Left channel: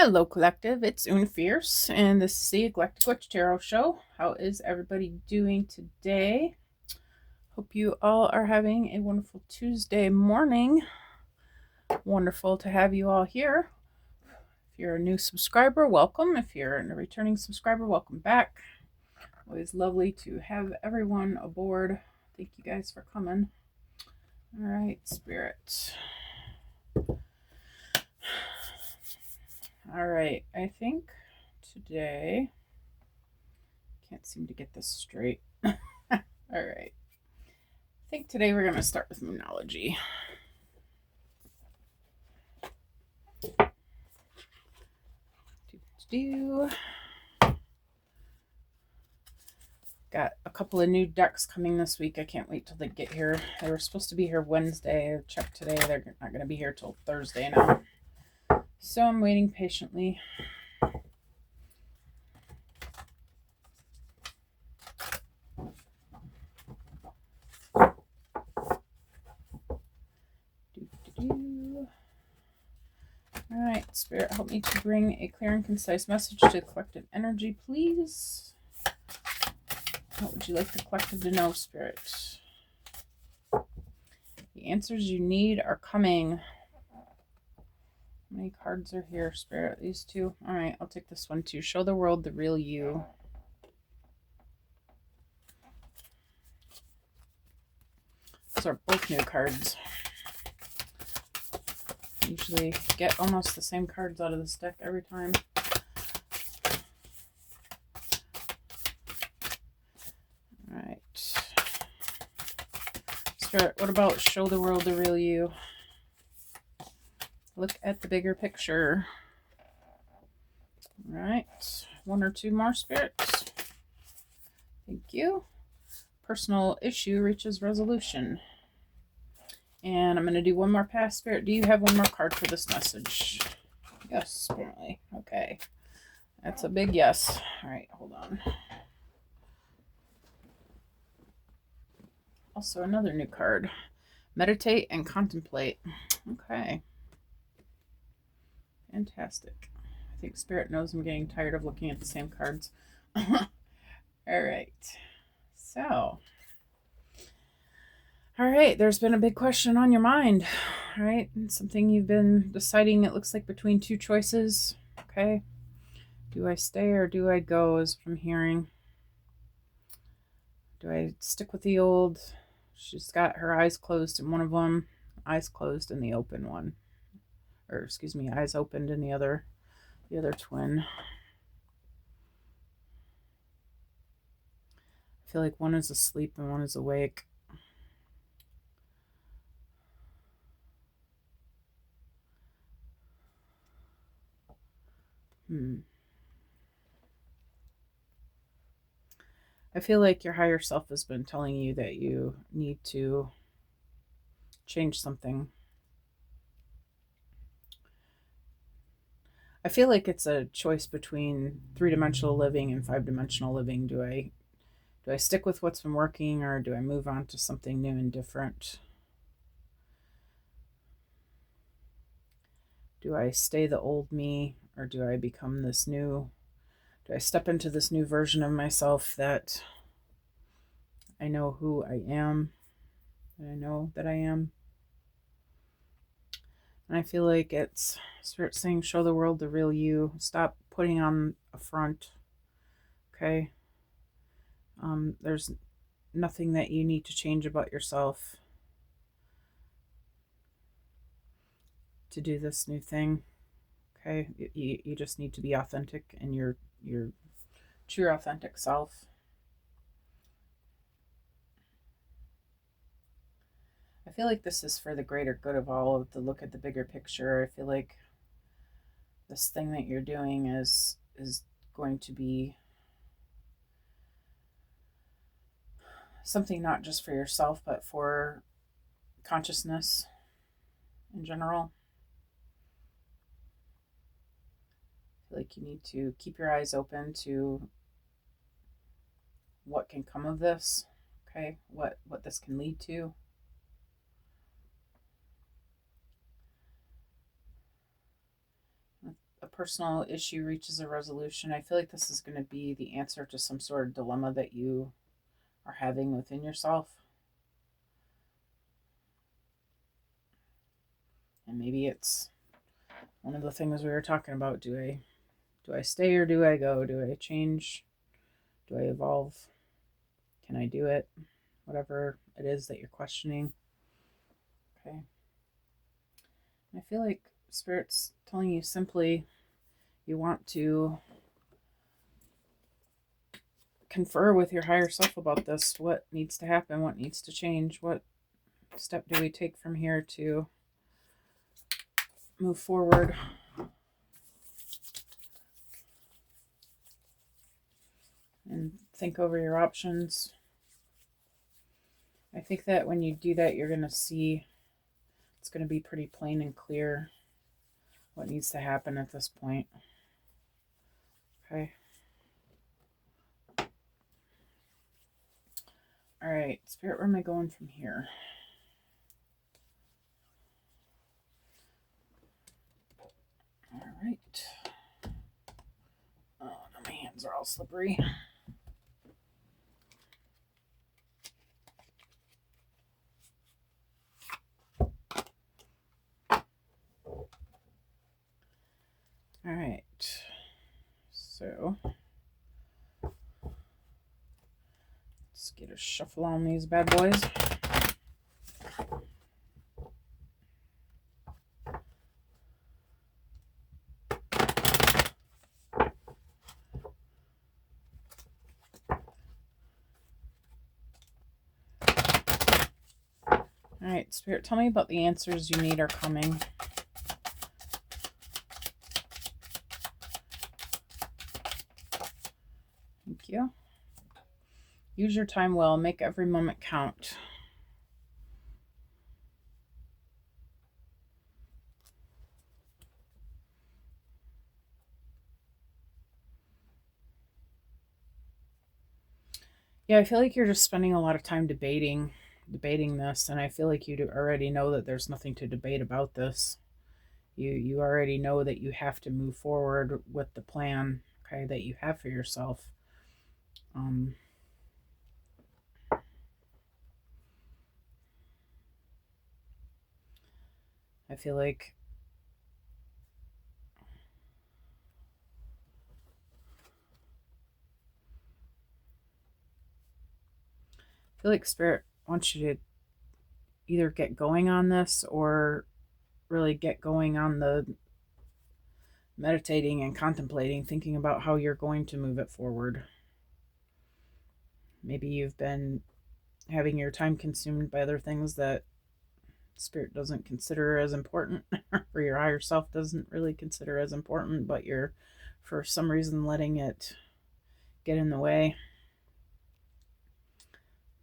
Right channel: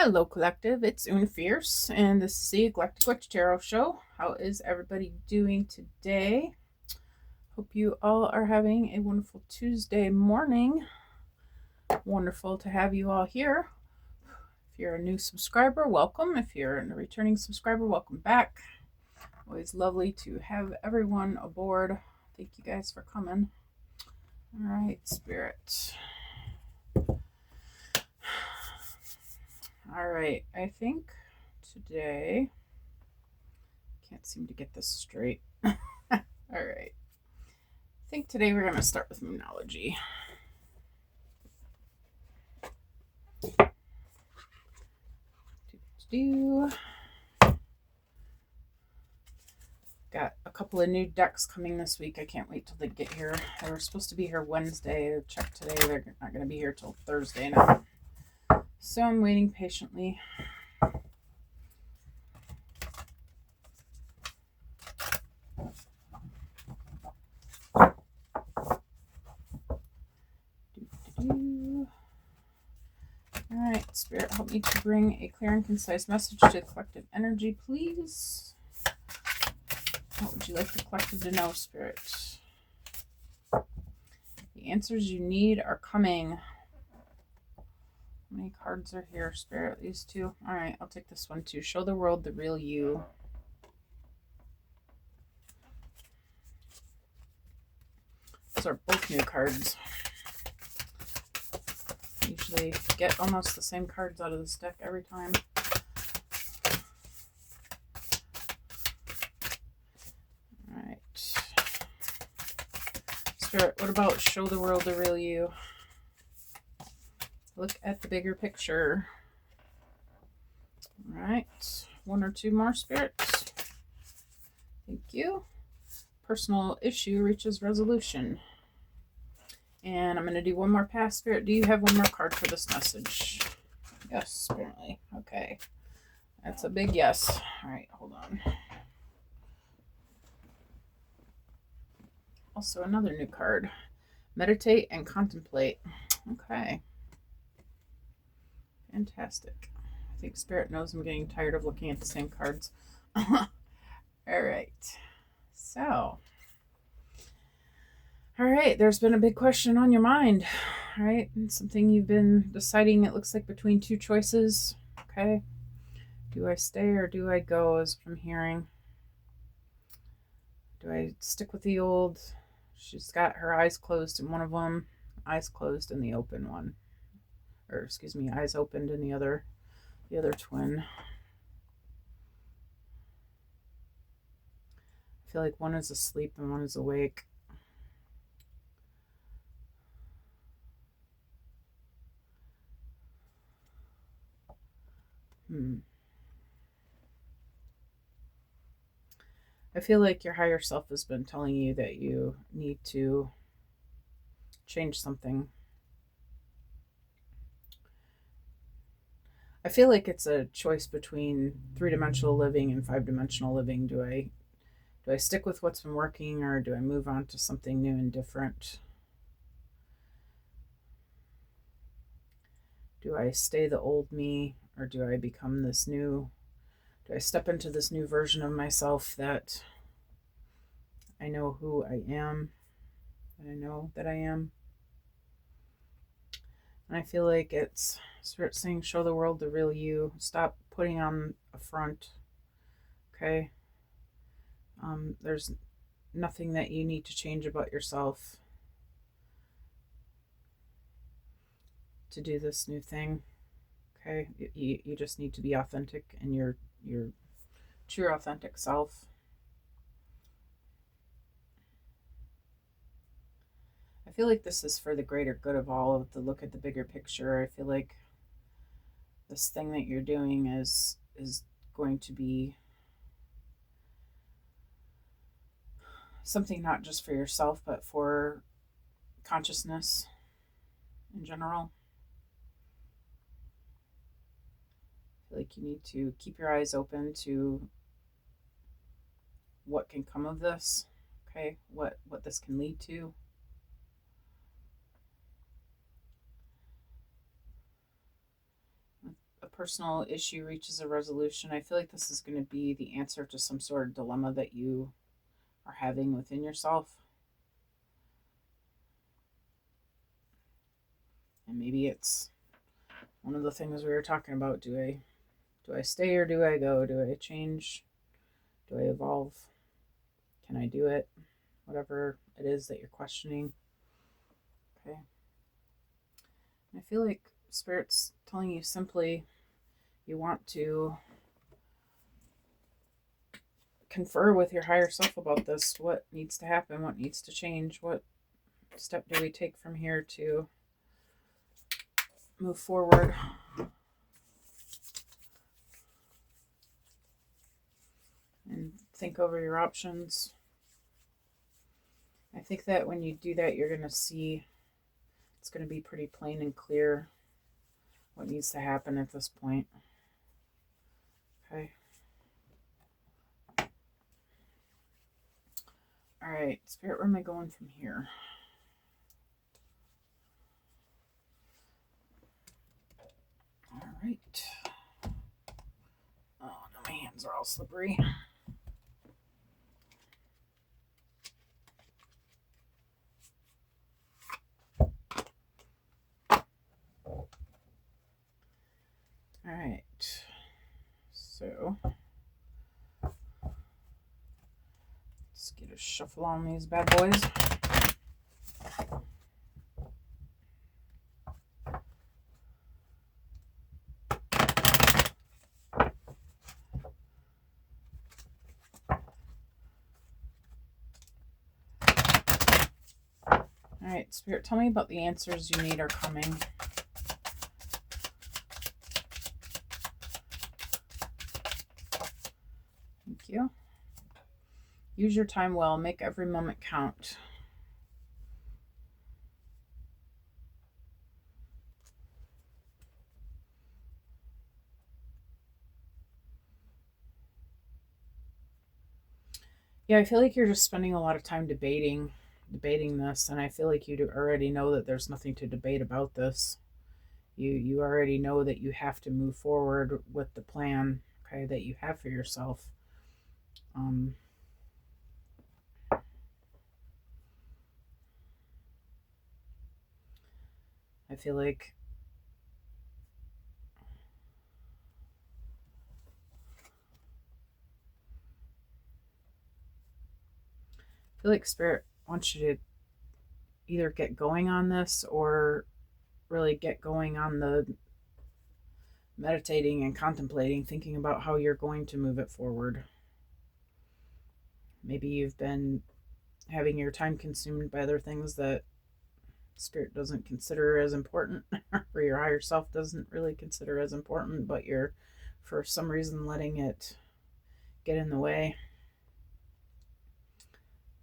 Hello, Collective. It's Una Fierce, and this is the Galactic Witch Tarot Show. How is everybody doing today? Hope you all are having a wonderful Tuesday morning. Wonderful to have you all here. If you're a new subscriber, welcome. If you're a returning subscriber, welcome back. Always lovely to have everyone aboard. Thank you guys for coming. All right, Spirit. All right, I think today, can't seem to get this straight. All right. I think today we're going to start with Moonology. Got a couple of new decks coming this week. I can't wait till they get here. They were supposed to be here Wednesday. I checked today. They're not going to be here till Thursday now. So I'm waiting patiently. Alright, Spirit, help me to bring a clear and concise message to the collective energy, please. What would you like the collective to know, Spirit? The answers you need are coming. How many cards are here, Spirit? These two? Alright, I'll take this one too. Show the world the real you. These are both new cards. Usually get almost the same cards out of this deck every time. Alright. Spirit, what about show the world the real you? Look at the bigger picture. Alright. One or two more, spirits. Thank you. Personal issue reaches resolution. And I'm going to do one more pass, Spirit. Do you have one more card for this message? Yes, apparently. Okay. That's a big yes. All right, hold on. Also, another new card. Meditate and contemplate. Okay. Fantastic. I think Spirit knows I'm getting tired of looking at the same cards. All right. So... all right, there's been a big question on your mind, right? Something you've been deciding, it looks like, between two choices, okay? Do I stay or do I go, as from hearing? Do I stick with the old? She's got her eyes closed in one of them, eyes closed in the open one. Or, excuse me, eyes opened in the other twin. I feel like one is asleep and one is awake. I feel like your higher self has been telling you that you need to change something. I feel like it's a choice between 3-dimensional living and 5-dimensional living. Do I stick with what's been working, or do I move on to something new and different? Do I stay the old me, or do I become this new? Do I step into this new version of myself that I know who I am, that I know that I am? And I feel like it's Spirit saying, show the world the real you. Stop putting on a front, okay? There's nothing that you need to change about yourself to do this new thing, okay? You just need to be authentic and your true authentic self. I feel like this is for the greater good of all, to look at the bigger picture. I feel like this thing that you're doing is going to be something not just for yourself, but for consciousness in general. I feel like you need to keep your eyes open to what can come of this, okay? What this can lead to. personal issue reaches a resolution, I feel like this is going to be the answer to some sort of dilemma that you are having within yourself. And maybe it's one of the things we were talking about. Do I stay or do I go? Do I change? Do I evolve? Can I do it? Whatever it is that you're questioning. Okay. I feel like Spirit's telling you simply you want to confer with your higher self about this. What needs to happen? What needs to change? What step do we take from here to move forward? And think over your options. I think that when you do that, you're going to see it's going to be pretty plain and clear what needs to happen at this point. Okay. All right, Spirit, where am I going from here? All right. Oh, now my hands are all slippery. All right. So let's get a shuffle on these bad boys. All right, Spirit, tell me about the answers you need are coming. Thank you. Use your time well. Make every moment count. Yeah, I feel like you're just spending a lot of time debating this, and I feel like you already know that there's nothing to debate about this. You already know that you have to move forward with the plan, okay, that you have for yourself. I feel like Spirit wants you to either get going on this or really get going on the meditating and contemplating, thinking about how you're going to move it forward. Maybe you've been having your time consumed by other things that Spirit doesn't consider as important, or your higher self doesn't really consider as important, but you're for some reason letting it get in the way.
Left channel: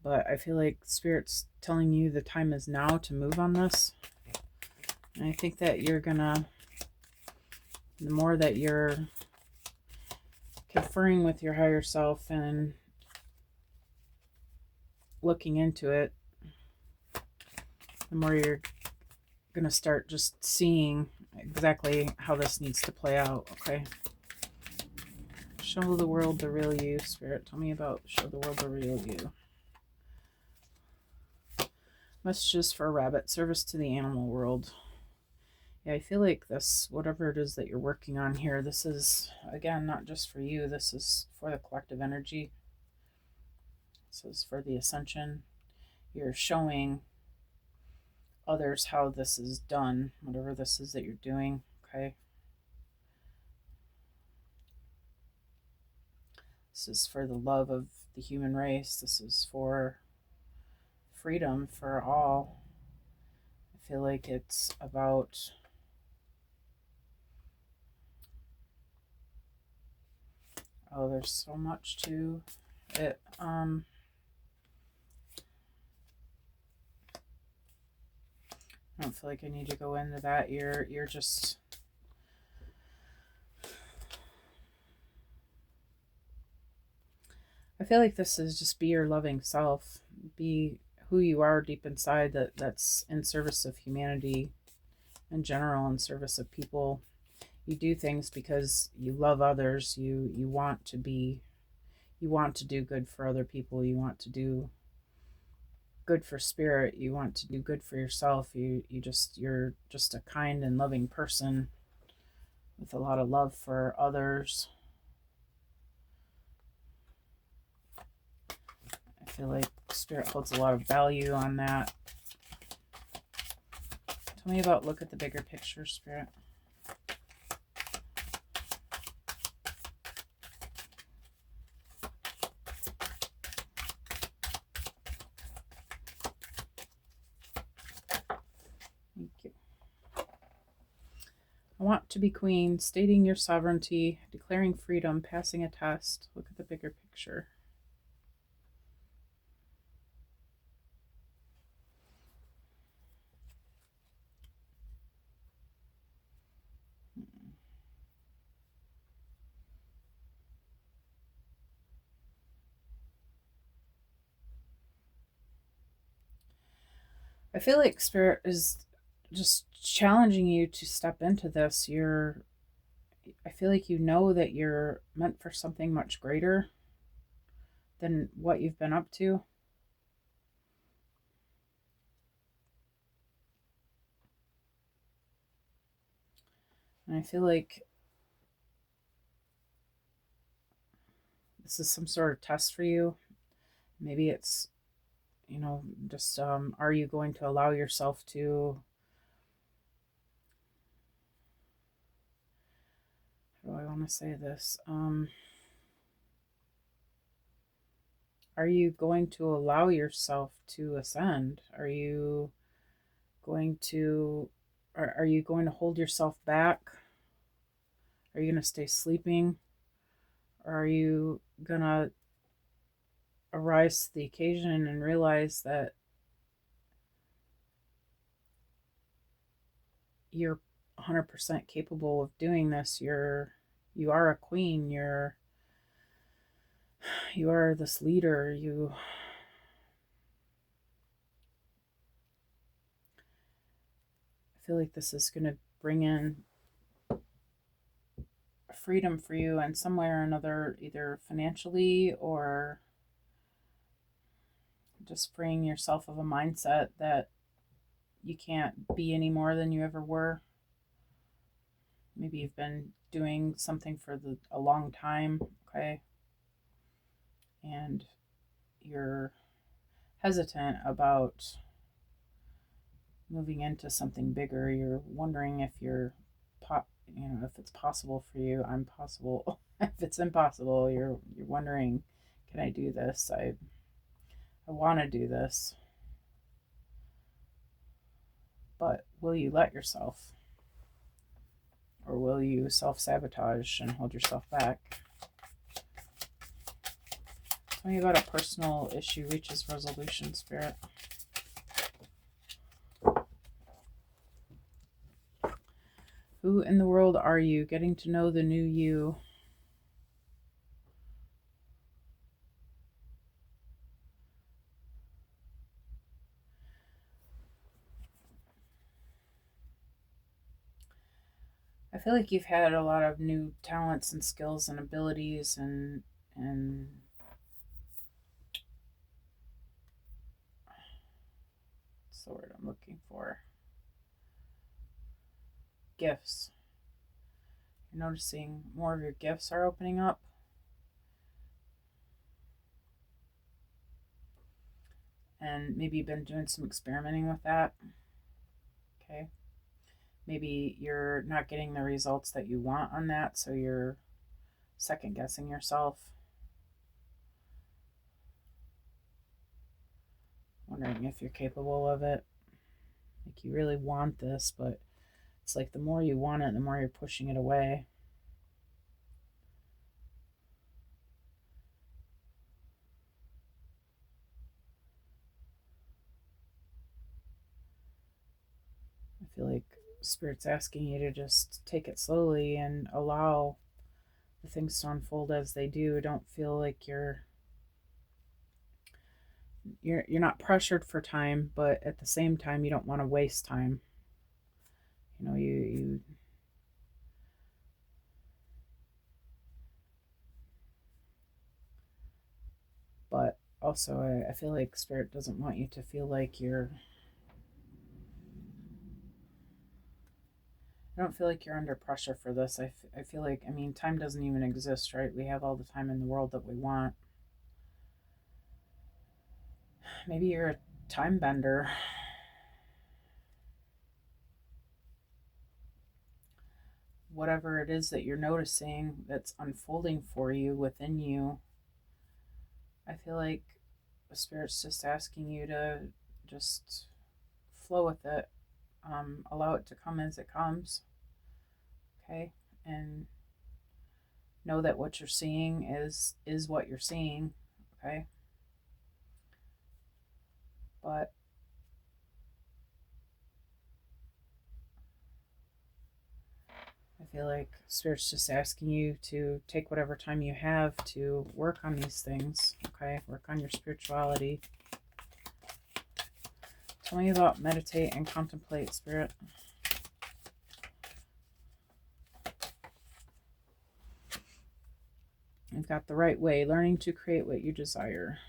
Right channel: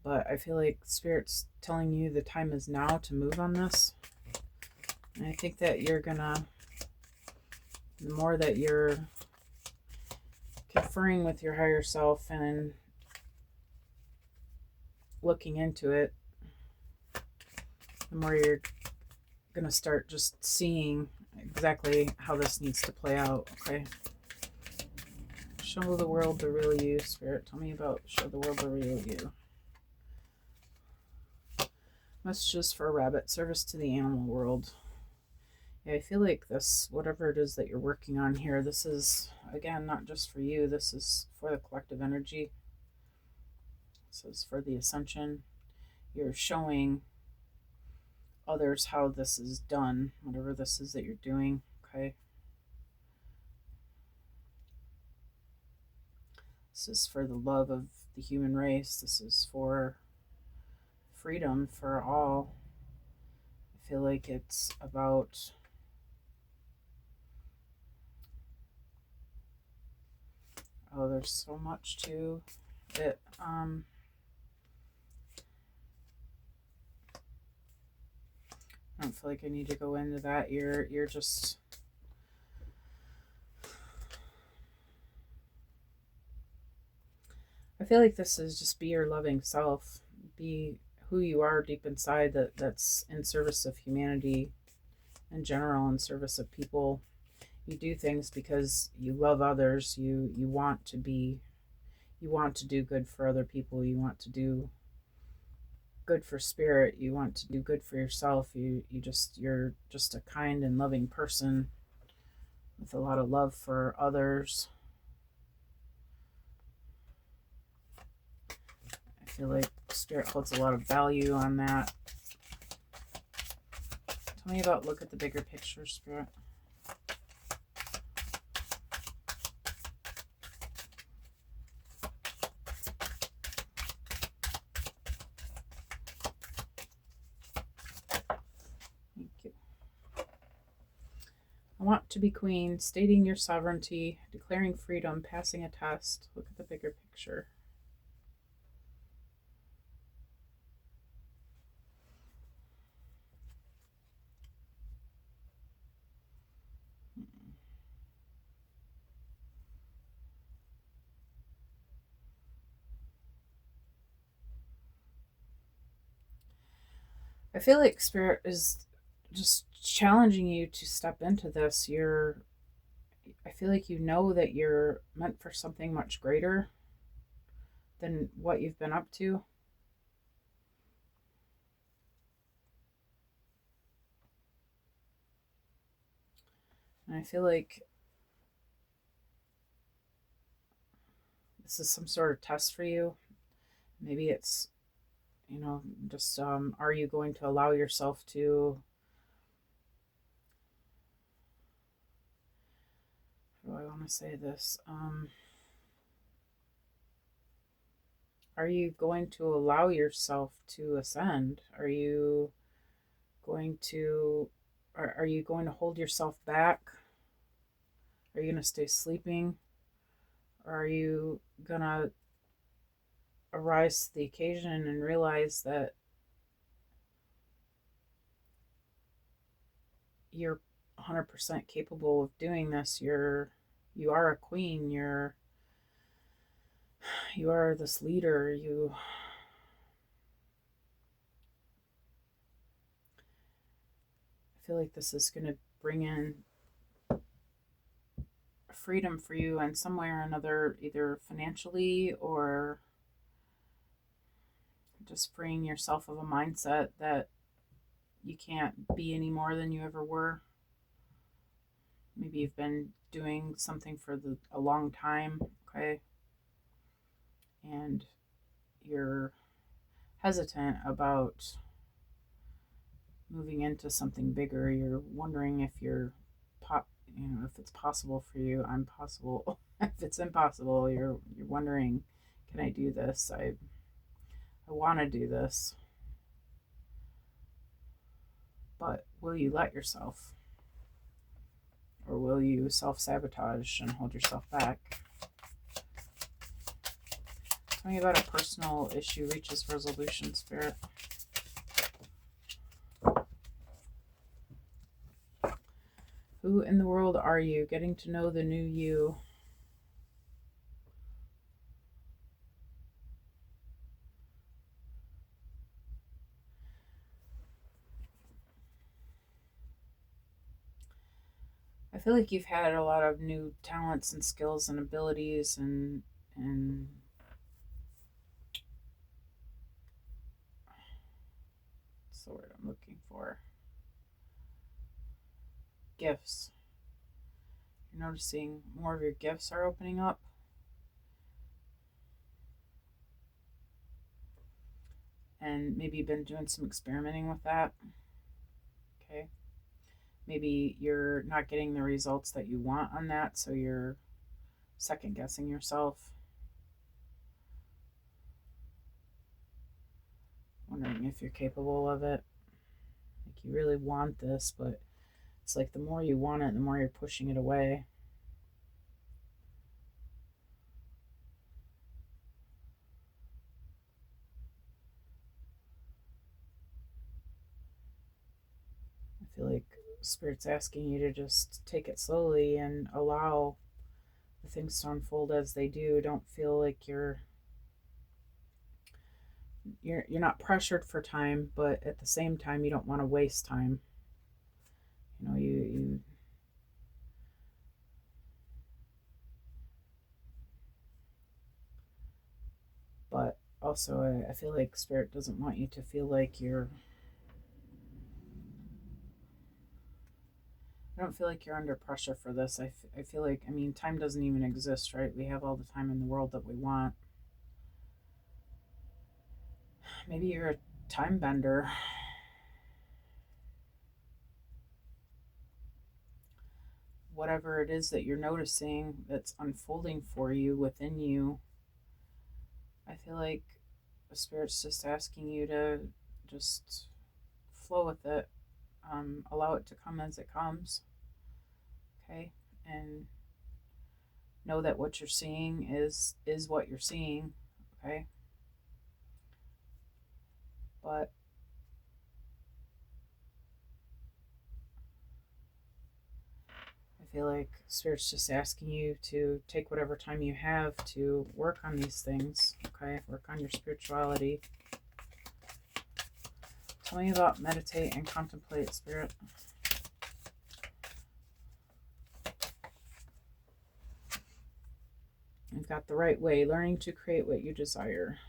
But I feel like Spirit's telling you the time is now to move on this. And I think that you're gonna, the more that you're conferring with your higher self and looking into it, the more you're gonna start just seeing exactly how this needs to play out. Okay. Show the world the real you, Spirit. Tell me about show the world the real you. Messages for a rabbit. Service to the animal world. Yeah, I feel like this, whatever it is that you're working on here, this is, again, not just for you. This is for the collective energy. This is for the ascension. You're showing others how this is done, whatever this is that you're doing, okay? This is for the love of the human race. This is for freedom for all. I feel like it's about there's so much to it. I don't feel like I need to go into that. You're just I feel like this is just be your loving self. Be who you are deep inside, that's in service of humanity in general, in service of people. You do things because you love others. You want to do good for other people. You want to do good for spirit. You want to do good for yourself. You're just a kind and loving person with a lot of love for others. I feel like spirit holds a lot of value on that. Tell me about look at the bigger picture, spirit. Thank you. I want to be queen, stating your sovereignty, declaring freedom, passing a test. Look at the bigger picture. I feel like spirit is just challenging you to step into this. I feel like you know that you're meant for something much greater than what you've been up to. And I feel like this is some sort of test for you. Maybe it's, just are you going to allow yourself to, how do I want to say this? Are you going to allow yourself to ascend? Are you going to hold yourself back? Are you going to stay sleeping? Or are you going to arise to the occasion and realize that you're 100% capable of doing this? You are a queen. You are this leader. I feel like this is going to bring in freedom for you in some way or another, either financially or just freeing yourself of a mindset that you can't be any more than you ever were. Maybe you've been doing something for a long time, okay? And you're hesitant about moving into something bigger. You're wondering if if it's possible for you. I'm possible. If it's impossible, you're wondering, can I do this? I want to do this. But will you let yourself? Or will you self-sabotage and hold yourself back? Tell me about a personal issue reaches resolution, spirit. Who in the world are you? Getting to know the new you. I feel like you've had a lot of new talents and skills and abilities and what's the word I'm looking for? Gifts. You're noticing more of your gifts are opening up. And maybe you've been doing some experimenting with that. Okay. Maybe you're not getting the results that you want on that, so you're second guessing yourself. Wondering if you're capable of it. Like you really want this, but it's like the more you want it, the more you're pushing it away. I feel like Spirit's asking you to just take it slowly and allow the things to unfold as they do. Don't feel like you're not pressured for time, but at the same time you don't want to waste time. You also, I feel like Spirit doesn't want you to feel like you're... I don't feel like you're under pressure for this. I feel like, I mean, time doesn't even exist, right? We have all the time in the world that we want. Maybe you're a time bender. Whatever it is that you're noticing that's unfolding for you within you, I feel like the Spirit's just asking you to just flow with it, allow it to come as it comes, okay? And know that what you're seeing is what you're seeing, okay? But I feel like Spirit's just asking you to take whatever time you have to work on these things, okay? Work on your spirituality. Tell me about meditate and contemplate, Spirit. You've got the right way, learning to create what you desire.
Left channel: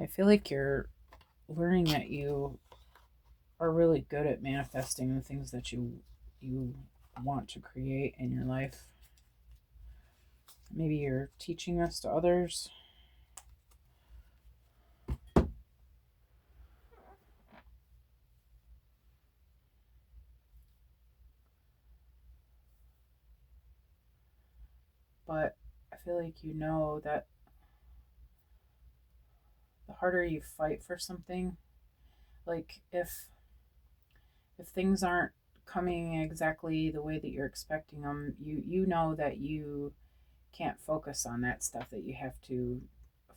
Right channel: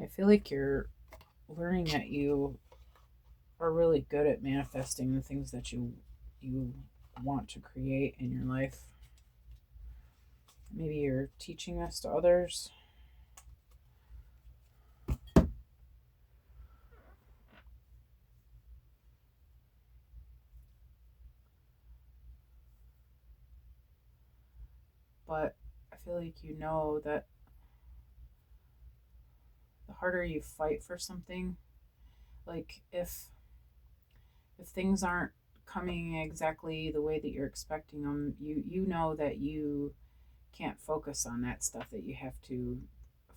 I feel like you're learning that you are really good at manifesting the things that you want to create in your life. Maybe you're teaching this to others. But I feel like you know that the harder you fight for something, like if things aren't coming exactly the way that you're expecting them, you know that you can't focus on that stuff, that you have to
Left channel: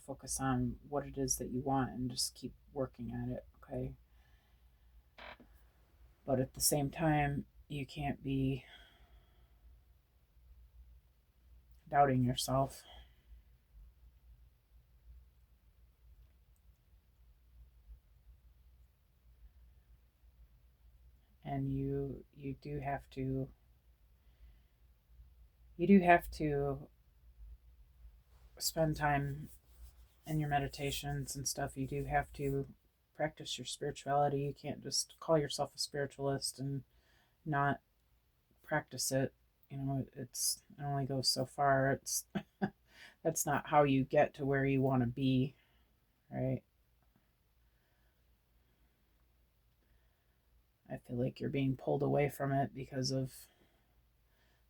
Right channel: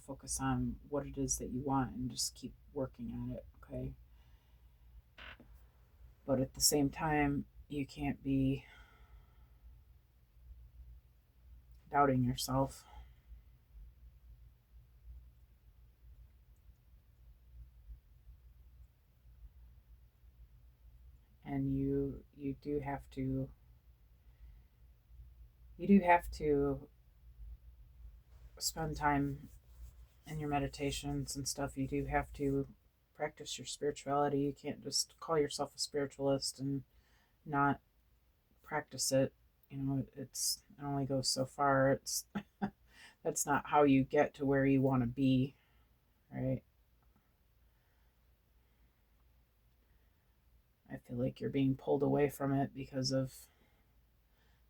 focus on what it is that you want and just keep working at it, okay? But at the same time, you can't be doubting yourself. And you do have to spend time in your meditations and stuff. You do have to practice your spirituality. You can't just call yourself a spiritualist and not practice it. You know, it only goes so far. It's that's not how you get to where you want to be, right? I feel like you're being pulled away from it because of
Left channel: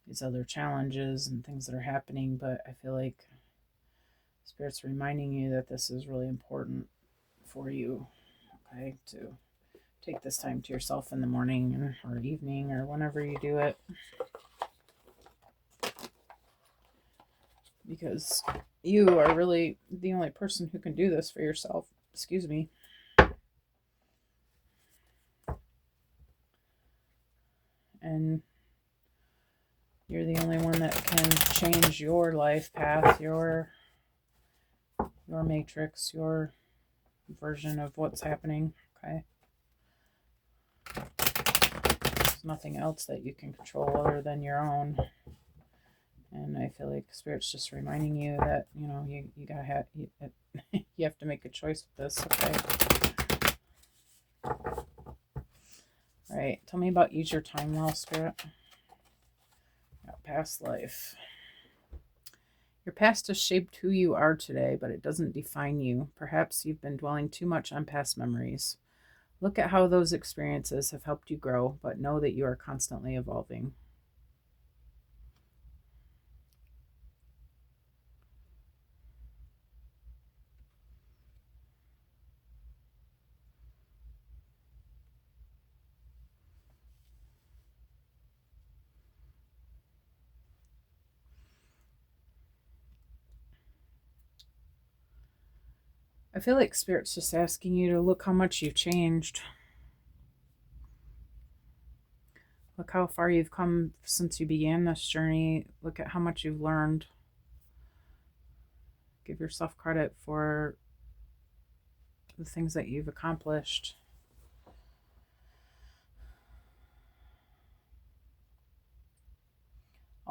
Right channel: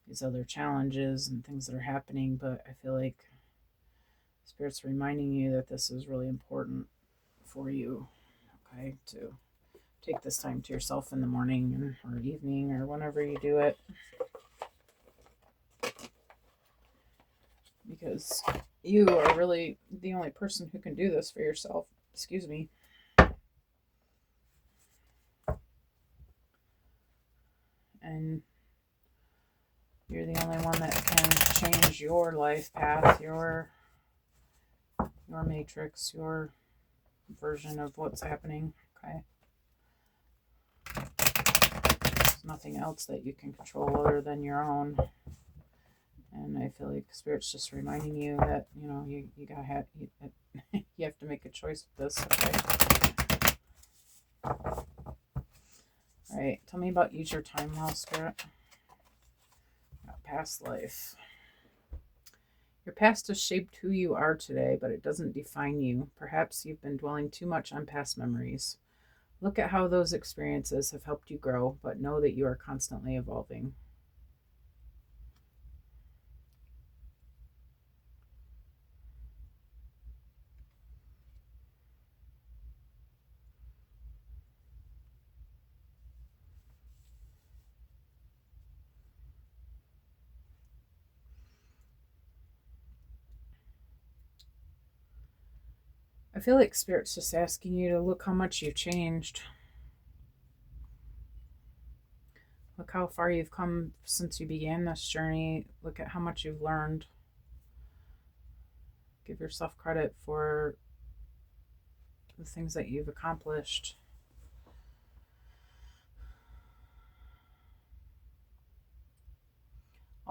these other challenges and things that are happening, but I feel like Spirit's reminding you that this is really important for you, okay? To take this time to yourself in the morning or evening or whenever you do it. Because you are really the only person who can do this for yourself. Excuse me. And you're the only one that can change your life path, your matrix, your version of what's happening, okay? There's nothing else that you can control other than your own. And I feel like Spirit's just reminding you that, you know, you gotta have, you have to make a choice with this, okay? Right, tell me about use your time well, Spirit. Past life. Your past has shaped who you are today, but it doesn't define you. Perhaps you've been dwelling too much on past memories. Look at how those experiences have helped you grow, but know that you are constantly evolving. I feel like Spirit's just asking you to look how much you've changed. Look how far you've come since you began this journey. Look at how much you've learned. Give yourself credit for the things that you've accomplished.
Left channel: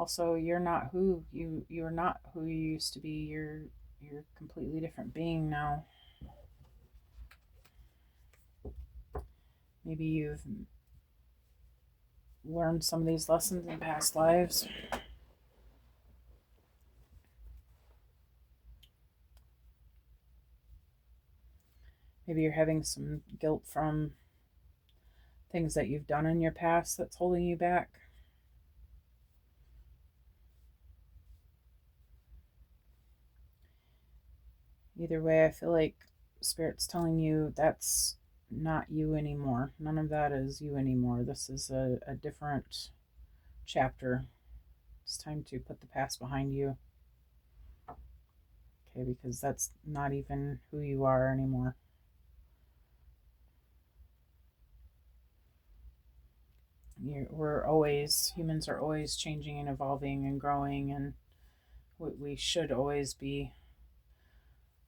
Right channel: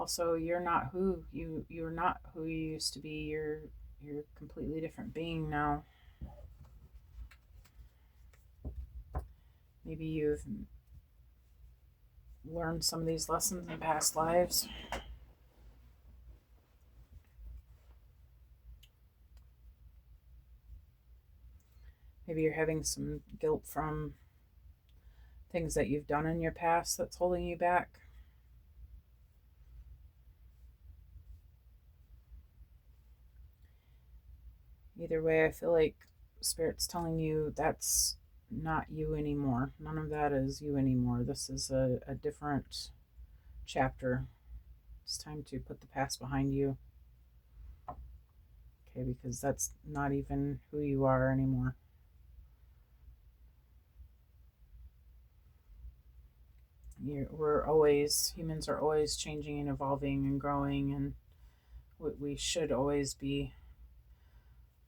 also you're not who you're not who you used to be. You're a completely different being now. Maybe you've learned some of these lessons in past lives. Maybe you're having some guilt from things that you've done in your past that's holding you back. Either way, I feel like Spirit's telling you that's not you anymore. None of that is you anymore. This is a different chapter. It's time to put the past behind you. Okay, because that's not even who you are anymore. Humans are always changing and evolving and growing, and we should always be.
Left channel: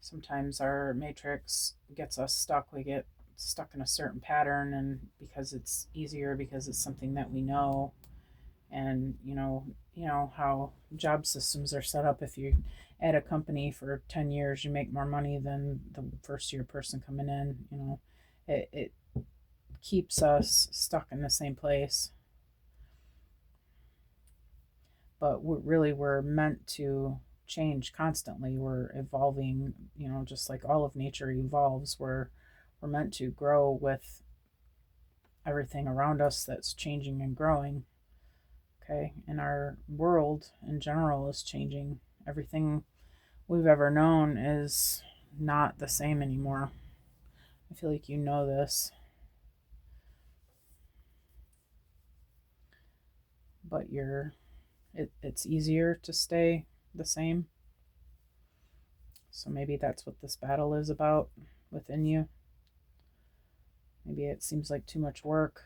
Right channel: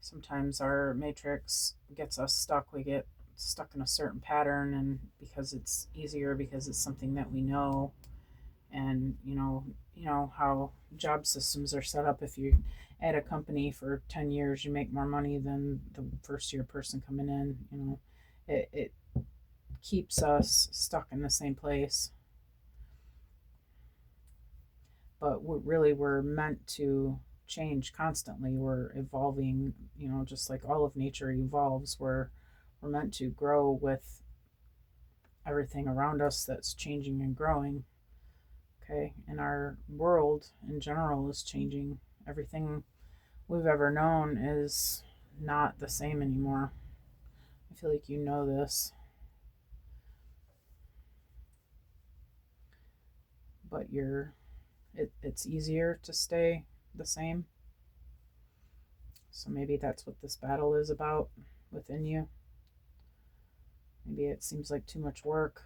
Sometimes our matrix gets us stuck. We get stuck in a certain pattern, and because it's easier, because it's something that we know, and you know how job systems are set up. If you at a company for 10 years, you make more money than the first year person coming in. It keeps us stuck in the same place. But we're meant to change constantly. We're evolving, just like all of nature evolves. We're meant to grow with everything around us that's changing and growing. Okay, and our world in general is changing. Everything we've ever known is not the same anymore. I feel like you know this. But it's easier to stay the same. So maybe that's what this battle is about within you. Maybe it seems like too much work.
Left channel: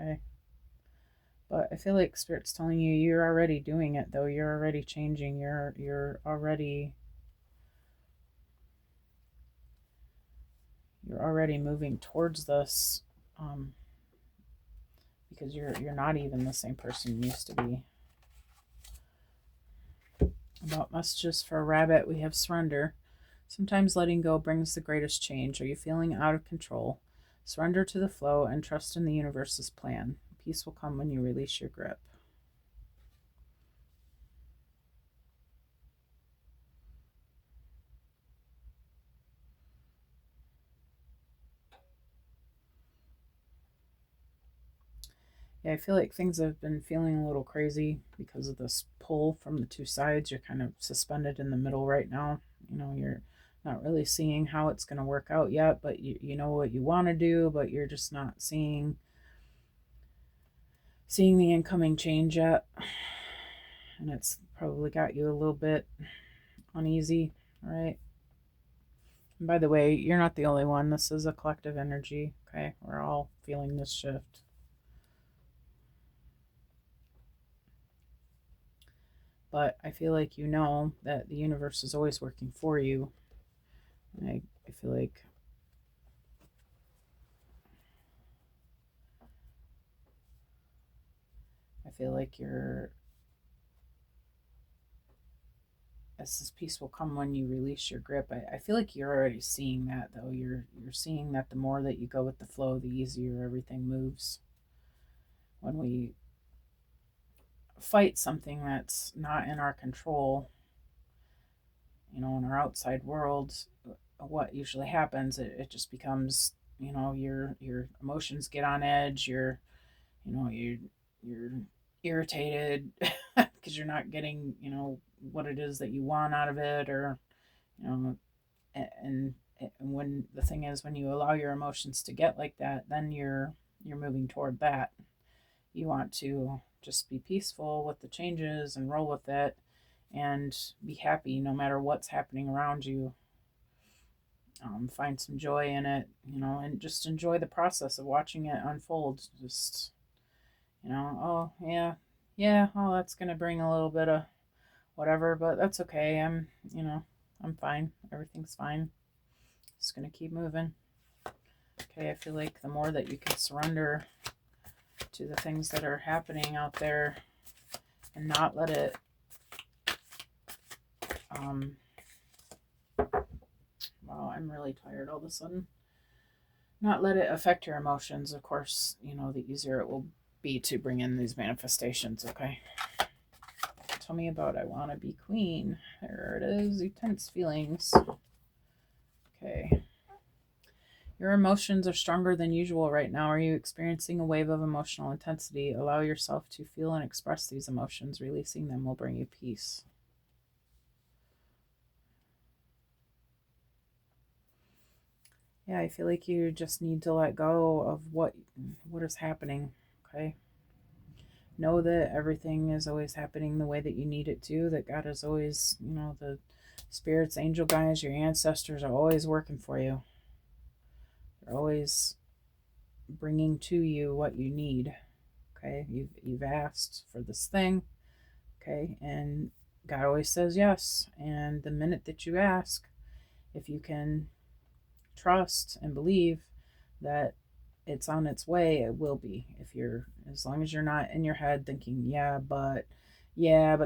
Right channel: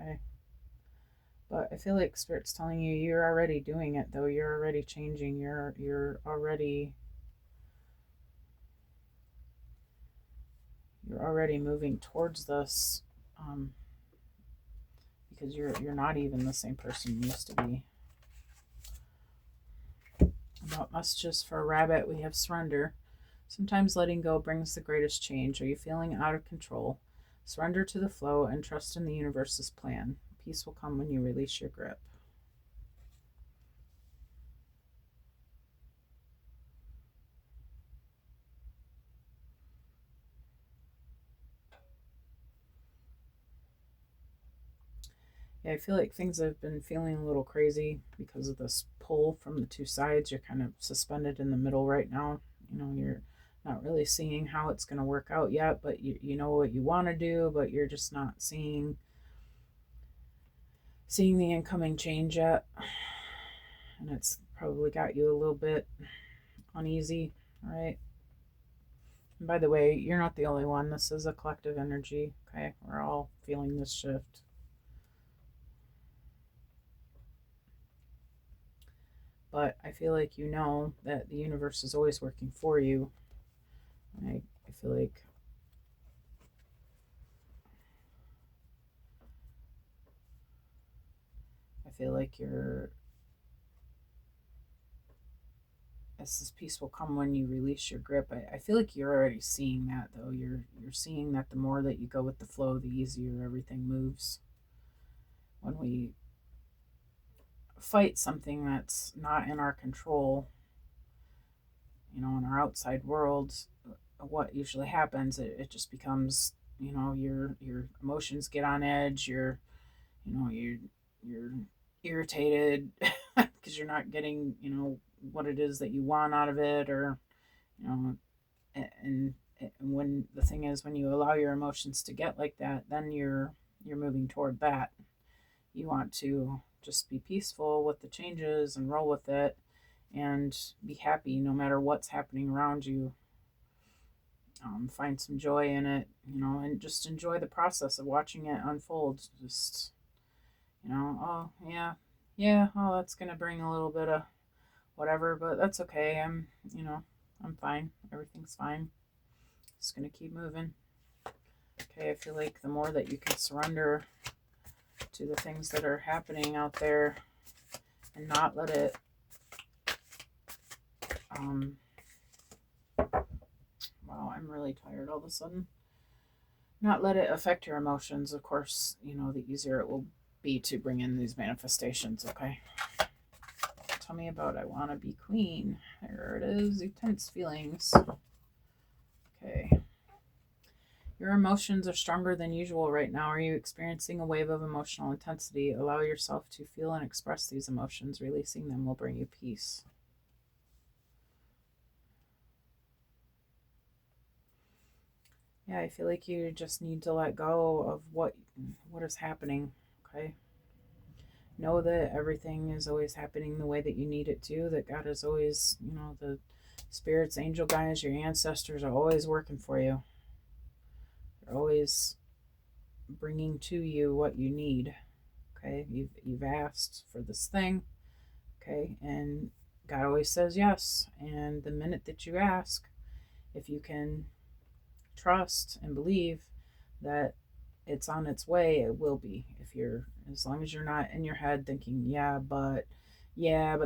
Okay. But I feel like Spirit's telling you you're already doing it, though. You're already changing. You're already moving towards this, because you're not even the same person you used to be. About messages for a rabbit, we have surrender. Sometimes letting go brings the greatest change. Are you feeling out of control? Surrender to the flow and trust in the universe's plan. Peace will come when you release your grip. Yeah, I feel like things have been feeling a little crazy because of this pull from the two sides. You're kind of suspended in the middle right now. You're not really seeing how it's going to work out yet, but you know what you want to do, but you're just not seeing the incoming change yet. And it's probably got you a little bit uneasy, right? And by the way, you're not the only one. This is a collective energy, okay? We're all feeling this shift. But I feel like you know that the universe is always working for you. I feel like this peace will come when you release your grip. I feel like you're already seeing that, though. You're seeing that the more that you go with the flow, the easier everything moves. When we fight something that's not in our control, in our outside world, what usually happens, it just becomes, your emotions get on edge. You're irritated because you're not getting, what it is that you want out of it, or and when the thing is, when you allow your emotions to get like that, then you're moving toward that. You want to just be peaceful with the changes and roll with it and be happy no matter what's happening around you. Find some joy in it, and just enjoy the process of watching it unfold. Just, oh yeah, oh, that's gonna bring a little bit of whatever, but that's okay. I'm fine. Everything's fine. Just gonna keep moving. Okay, I feel like the more that you can surrender to the things that are happening out there and not let it wow, I'm really tired all of a sudden. Not let it affect your emotions. Of course, the easier it will be to bring in these manifestations, okay? Tell me about I want to be queen. There it is. Intense feelings. Okay. Your emotions are stronger than usual right now. Are you experiencing a wave of emotional intensity? Allow yourself to feel and express these emotions. Releasing them will bring you peace. Yeah, I feel like you just need to let go of what is happening, okay? Know that everything is always happening the way that you need it to, that God is always, the spirits, angel guides, your ancestors are always working for you. They're always bringing to you what you need, okay? You've asked for this thing, okay? And God always says yes. And the minute that you ask, if you can trust and believe that it's on its way, it will be. As long as you're not in your head thinking, yeah, but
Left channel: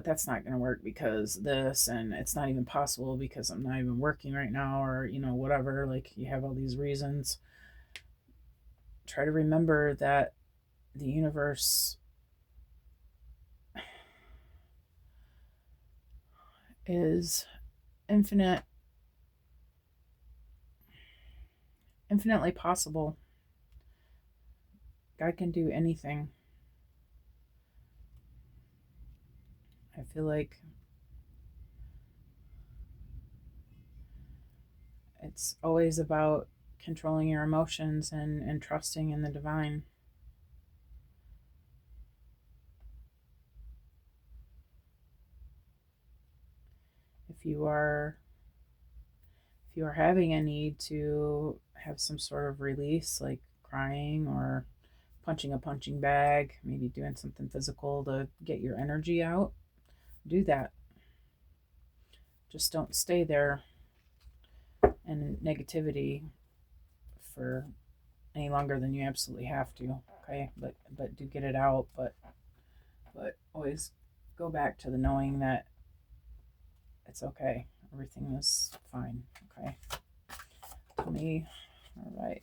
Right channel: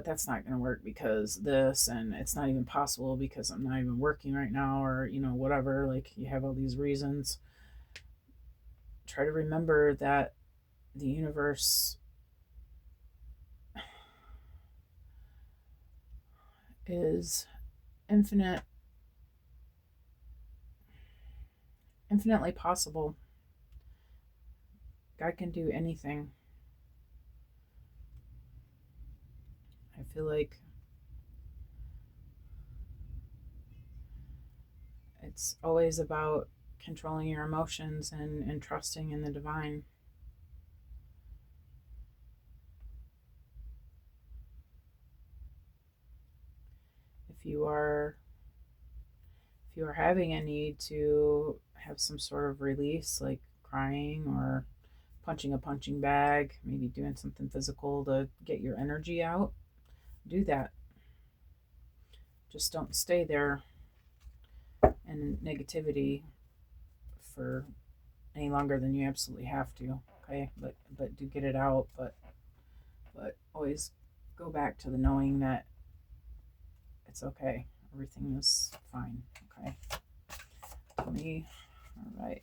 that's not going to work because this, and it's not even possible because I'm not even working right now, or whatever, like you have all these reasons. Try to remember that the universe is infinitely possible. God can do anything. I feel like it's always about controlling your emotions and trusting in the divine. If you are having a need to have some sort of release, like crying or punching a punching bag, maybe doing something physical to get your energy out, do that. Just don't stay there in negativity for any longer than you absolutely have to, okay? But do get it out, but always go back to the knowing that it's okay. Everything is fine, okay? To me, all right.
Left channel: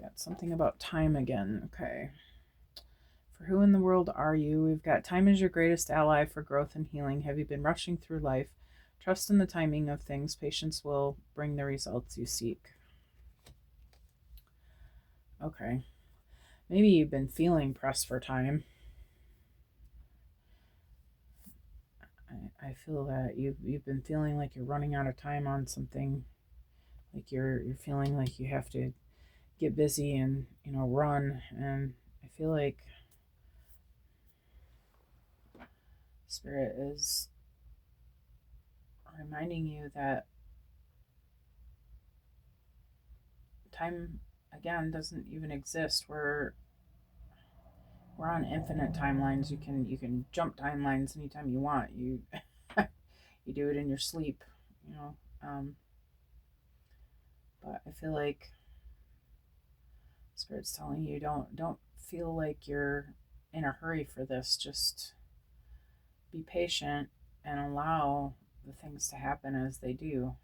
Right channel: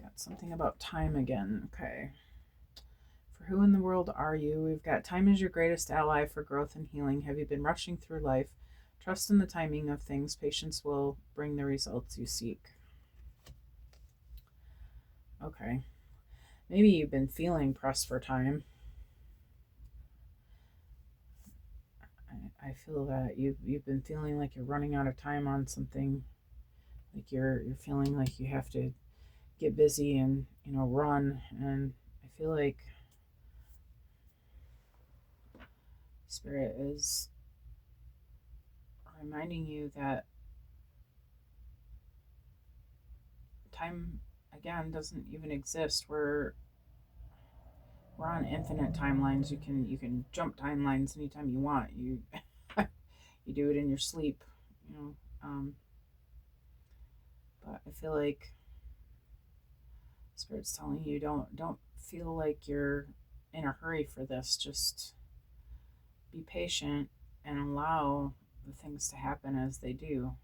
Got something about time again, okay. For who in the world are you? We've got time is your greatest ally for growth and healing. Have you been rushing through life? Trust in the timing of things. Patience will bring the results you seek. Okay. Maybe you've been feeling pressed for time. I feel that you've been feeling like you're running out of time on something. Like you're feeling like you have to get busy and run. And I feel like Spirit is reminding you that time again doesn't even exist. We're on infinite timelines. You can jump timelines anytime you want. You you do it in your sleep, but I feel like Spirit's telling you don't feel like you're in a hurry for this. Just be patient and allow the things to happen as they do.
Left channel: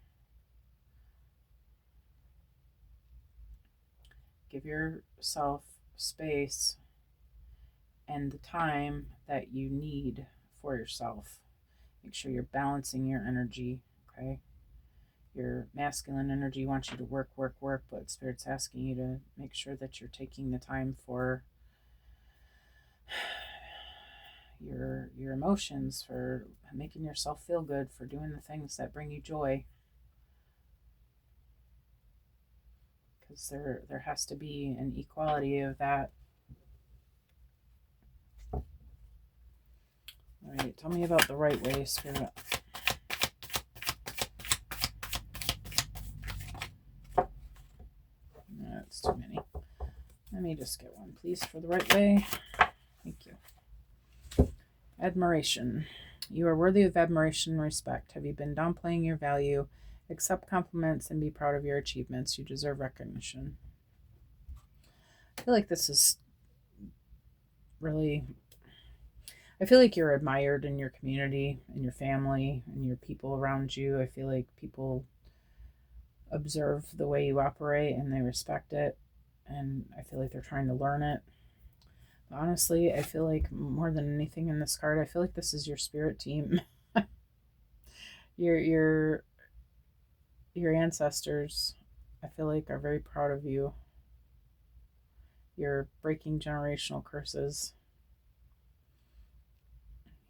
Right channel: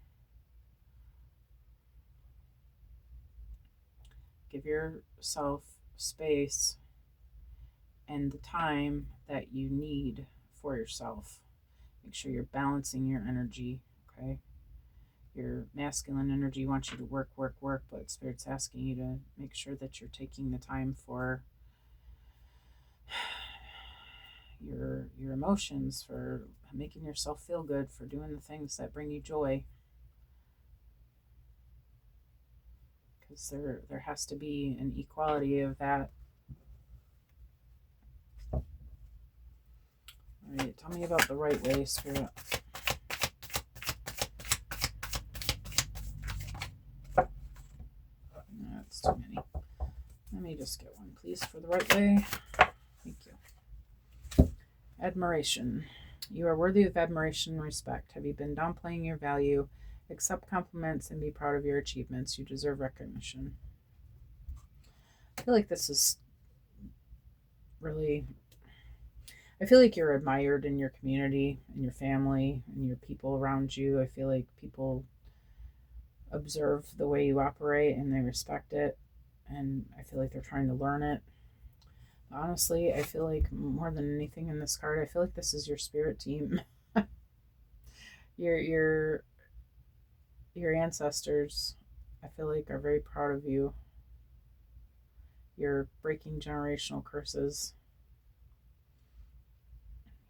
Give yourself space and the time that you need for yourself. Make sure you're balancing your energy, okay? Your masculine energy wants you to work, but Spirit's asking you to make sure that you're taking the time for your emotions, for making yourself feel good, for doing the things that bring you joy. Because there has to be an equality of that. All right, tell me about the right way, Spirit. No, that's too many. Let me just get one, please, for the right way. Thank you. Admiration. You are worthy of admiration and respect. Have you been downplaying your value? Accept compliments and be proud of your achievements. You deserve recognition. I feel like this is really, I feel like you're admired in your community, in your family, and your people around you. I feel like people observe the way you operate and they respect it, and I feel like they're trying to learn it. Honestly, I feel like more than anything in this card, I feel like this is your spirit team. your your your ancestors, I feel like, are very proud of you. You're breaking generational curses.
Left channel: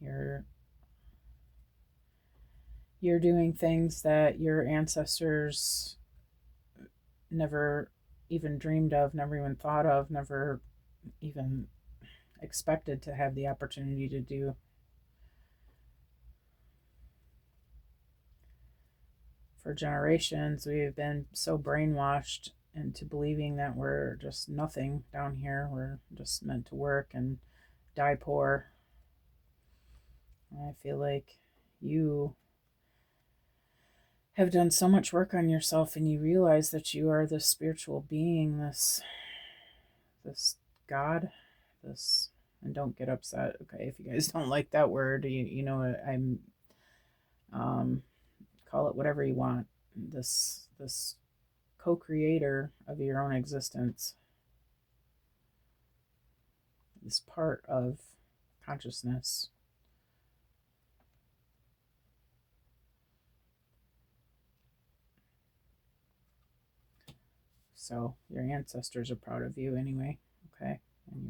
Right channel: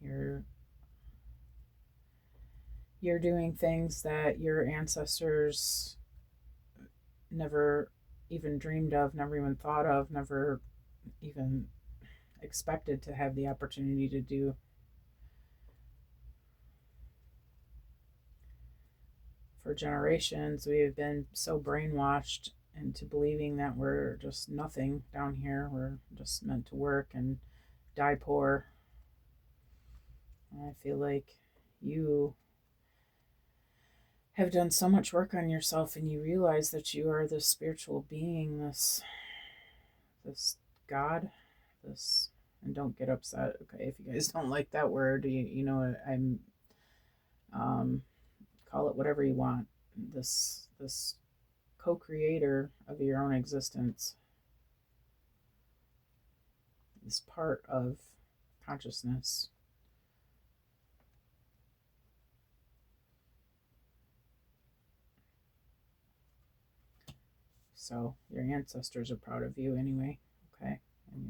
You're you're doing things that your ancestors never even dreamed of, never even thought of, never even expected to have the opportunity to do. For generations, we've been so brainwashed into believing that we're just nothing down here. We're just meant to work and die poor. And I feel like you have done so much work on yourself, and you realize that you are this spiritual being, this God, this, and don't get upset, okay, if you guys don't like that word. You know what I'm, call it whatever you want. This co-creator of your own existence, this part of consciousness. So your ancestors are proud of you anyway, okay? And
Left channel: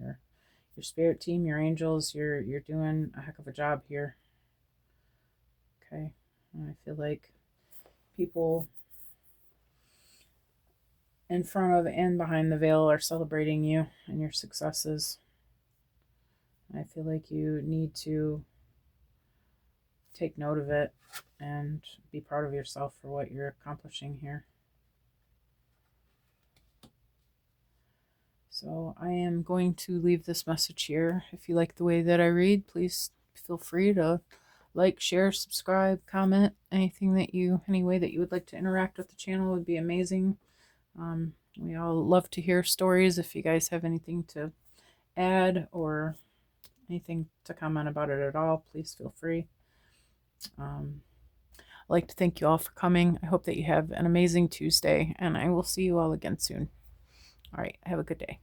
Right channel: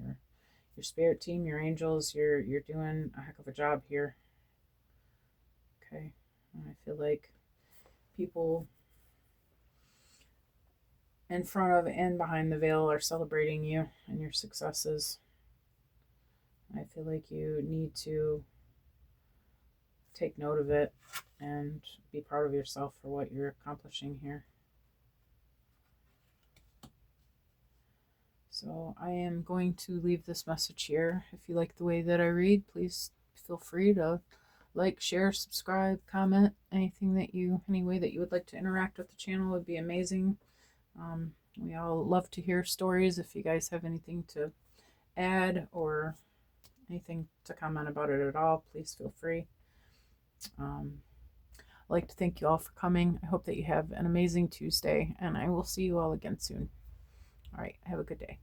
your spirit team, your angels, you're doing a heck of a job here. Okay. And I feel like people in front of and behind the veil are celebrating you and your successes. I feel like you need to take note of it and be proud of yourself for what you're accomplishing here. So I am going to leave this message here. If you like the way that I read, please feel free to like, share, subscribe, comment. Any way that you would like to interact with the channel would be amazing. We all love to hear stories. If you guys have anything to add or anything to comment about it at all, please feel free. I'd like to thank you all for coming. I hope that you have an amazing Tuesday, and I will see you all again soon. All right, have a good day.